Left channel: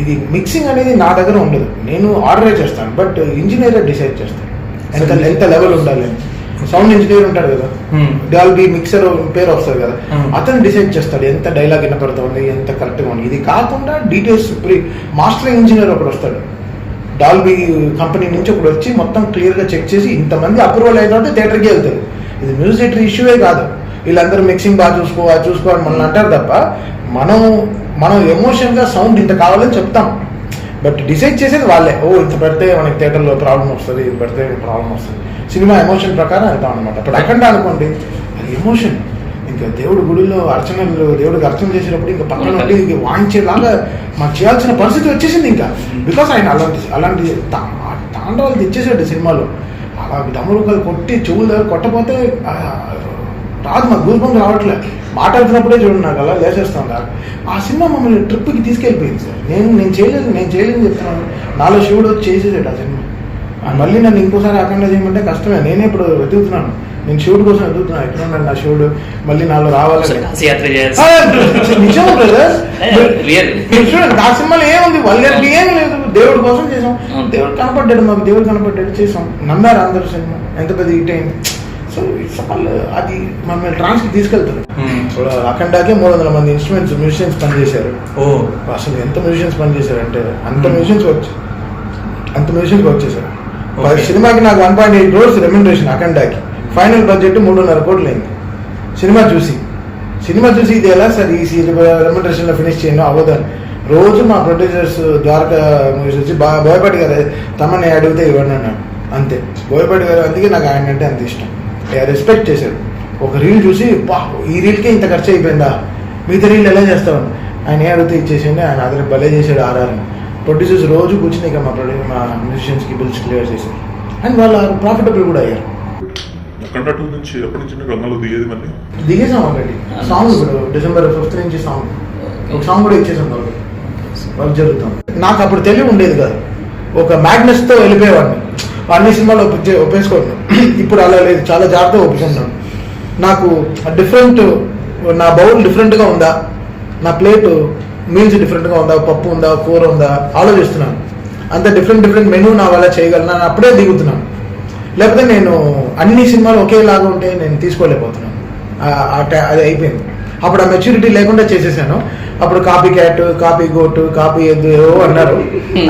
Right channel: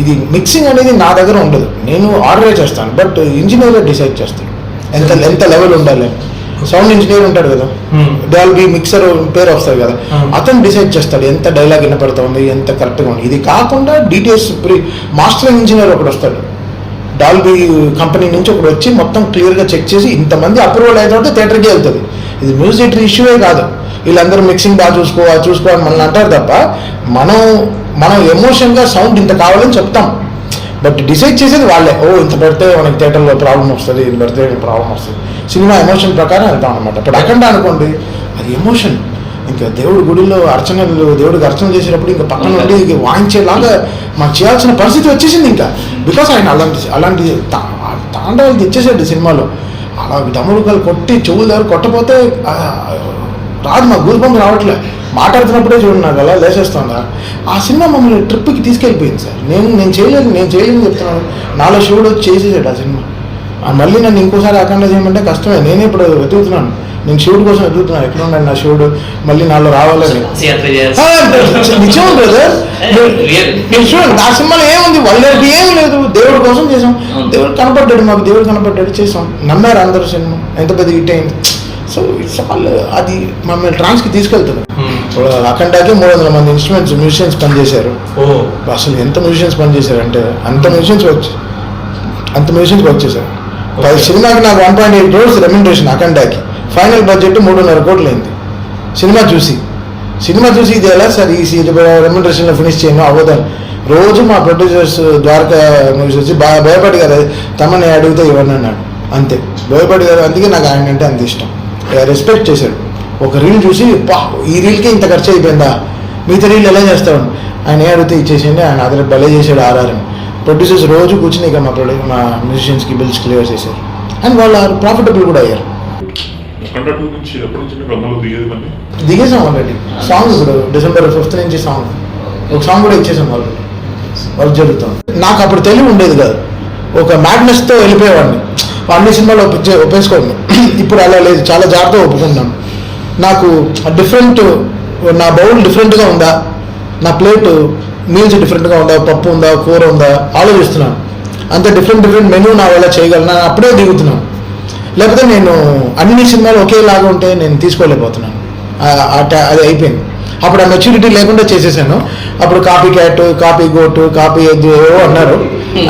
ఇది మిక్సింగ్ అనేది నా దగ్గర ఉండదు, నేను ఆర్డర్ చేస్తాను, బట్ ఇంజనీర్ డిసైడ్ చేస్తాను ఎంత లెవెల్ ఉండాలి. సౌండ్ ఇంజనీర్ ఉంటాడు కదా, డాల్బీ మిక్సర్ పేరు వస్తుంది కదా, అతను డిసైడ్ చేస్తాడు ఎంత డైలాగ్ వినపడతా ఉంది, ఎంత కరెక్ట్గా ఉంది. ఇది కాకుండా డీటెయిల్స్ మాస్టరింగ్ ఇంజనీర్ ఒకటి వస్తాడు, డాల్బీ కంపెనీ నుంచి ఒకటి వచ్చి మొత్తం క్లియర్గా చెక్ చేసి ఇంతమంది అప్రూవల్ అయిన తర్వాత థియేటర్కి వెళ్తుంది. ఇది మ్యూజిక్ ఇష్యూవే కాదు, వీళ్ళందరూ మిక్సింగ్ బాగా చూసుకోవాలి మనల్ని అంటారు తప్ప మనం ఎమోషన్గా సౌండ్ ఇంత కావాలని చెప్తాం, బట్ డిసైడ్ చేసేది వాళ్ళే. ఇంత పెడితే మనకి థియేటర్లో ప్రాబ్లం వస్తుంది, ఇది పెడితే ప్రాబ్లం వస్తుంది. సినిమా ఎమోషన్ ప్రకారం వెళ్తాం అనమాట. ఇప్పుడు అఖండ అనుకోండి, అది ఎమోషన్. ఇంకా దేవుడి గుడిలో దేవుడికి అర్చన చేసేటప్పుడు ఇంకా పక్కన ఉండి వాయించేలాగా మాకు చేయాల్సిన పరిస్థితి వచ్చేసింది. ఇంకా బికాస్ ఆయన అలాంటి తాండవాలు తెచ్చేసాడు సినిమాలో. అలా దమ్ముడుకలు కొట్టి చెవులు దగ్గర కొట్టపోతే రాదు, మా గురుపంగా రావట్లే. మాట్లాడుతున్నప్పుడే చూడండి నాకు అలా లేచేస్తుందా. ఆ సినిమా మమ్మల్ని ట్రిప్కి తీసుకెళ్ళిపోయింది సార్. నేను చేయలేదు చెప్తున్నాను. నాలో శివుడు వచ్చి చేసేసాడు ఆ సినిమా. మళ్ళీ నన్ను ఇంకోసారి అఖండ చేయమంటే కష్టమే. నేనే ఇప్పుడు వెతుకుతున్నాను, నేను శివుడు కోసం వెతుకుతున్నాను. ఎక్కడ ఉన్నాడు నా శివుడు, మళ్ళీ నాలో రావాలని. నిజం బ్రదర్, చూడండి ఆ సినిమాలో ఏముంది, వాళ్ళకి ఏమి లేదు, దేవుడి కోసం చేసాం. దేవుడు కనపడ్డాడు, మాకు దేవుడు కనపడ్డాడు, చేసాం. నమ్మారు అందరూ. సినిమా ఎంత పెద్ద హిట్ అయింది. సో ఇట్స్ ఆల్ అది మమ్మల్ని ట్రాన్స్కి తీసుకెళ్తారు. ఇప్పుడు అఖండాకి 300 మంది మ్యూజిషియన్స్ పనిచేశారు. అసలు ఎంత మ్యూజిషియన్స్ పనిచేశారు అంటే అంత మ్యూజిషియన్స్ వర్క్ చేశారు. సినిమాకి నాకు 1.8 crores రెమ్యునరేషన్ అఖండాకి. ఫైనల్ బడ్జెట్ 3.5 కోట్లు అయింది. సినిమా చూసి ఇది ఎలా సార్ ఈ రెమ్యునరేషన్లో ఫినిష్ చేయను అవ్వదని రోజు మా ప్రొడ్యూసర్స్ ద్వారకా మూవీస్ వచ్చి భయపడి గారు తమని అడిగితే ఇవ్వండి అన్నాడు. అంతే, భయపడి గారు. అందుకే నాకు ఆయన అంటే అంత ఇష్టం. రెస్పెక్ట్ చేశాడు. ఒక రీల్ చూసి ఈ రీల్కి ఇంత ఖర్చు అయిపోయిందా, మిగతా రీల్ ఎలా చేస్తామని ఆయన అడిగితే ఇచ్చేసింది. ఆయన అదే భలే చేశాడు. ఆర్ఆర్ఎం ప్రొడ్యూసర్స్ రోజు కూర్చుని ఇక మా మ్యూజిషియన్స్కి బిల్స్ క్లియర్ చేశారు. అండ్ వాళ్ళు ప్రాఫిటబుల్ కూడా అయ్యారు. దిగేసాం ఆల్రెడీ. సాంగ్ ఇప్పుడు December 5th నుంచి ఒక సాంగ్ కూడా ఇచ్చేసాం. వర్క్ జరుగుతాం. నాకు అప్పుడు తెలివి ఉండేది కాదు, ఒక మ్యాడ్నెస్తో వెళ్ళిపోయేవాడిని. అన్ని సినిమాలు ఒప్పేసుకోండి. ఇప్పుడు అలా లేదు, చాలా జాగ్రత్తగా ఒప్పుకుంటాను. నాకు డిఫరెంట్, నా బౌల్ డిఫరెంట్గా ఉందా, నా ప్లేట్ మీల్స్ డిఫరెంట్గా ఉందా, పప్పు ఉందా, కూర ఉందా ఆలోచిస్తున్నాను. అంత డిఫరెంట్ మెనూ నా వల్ల చేయగలను, అప్పుడే దిగుతున్నాను. లేకపోతే నేను అన్ని సినిమాలు ఒకేలాగా ఉంటే నేను తీసుకోలేకపోతున్నాను. అది అయిపోయింది. అప్పుడు ఆ మెచ్యూరిటీ లేకుండా చేసేసాను. అప్పుడు copy cat, copy goat, copy ఎద్దు ఏవో అన్నారు,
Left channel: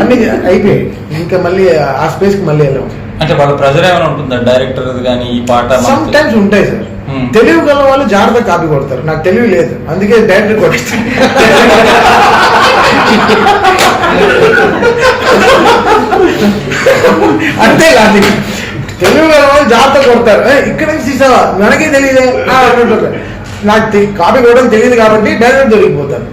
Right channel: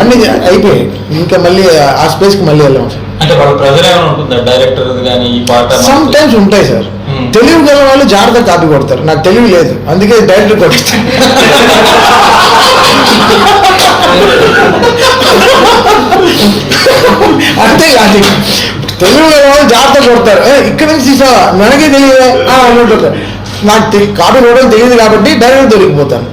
అన్ని అయిపోయాయి. ఇంకా మళ్ళీ ఆ స్పేస్కి మళ్ళీ వెళ్ళాము. సమ్ టైమ్స్ ఉంటాయి సార్. తెలివి గల వాళ్ళు జాగ్రత్తగా కాపీ కొడతారు, నాకు తెలివి లేదు, అందుకే డైరెక్టర్ కొడతారు. అంతే లాజిక్. తెలివి గల వాళ్ళు జాగ్రత్తగా కొడతారు. ఇక్కడ నుంచి తీసావా, మనకే తెలియదు. నాకు కాపీ కొట్టడం తెలియదు కాబట్టి డైరెక్టర్ దొరికిపోతాను.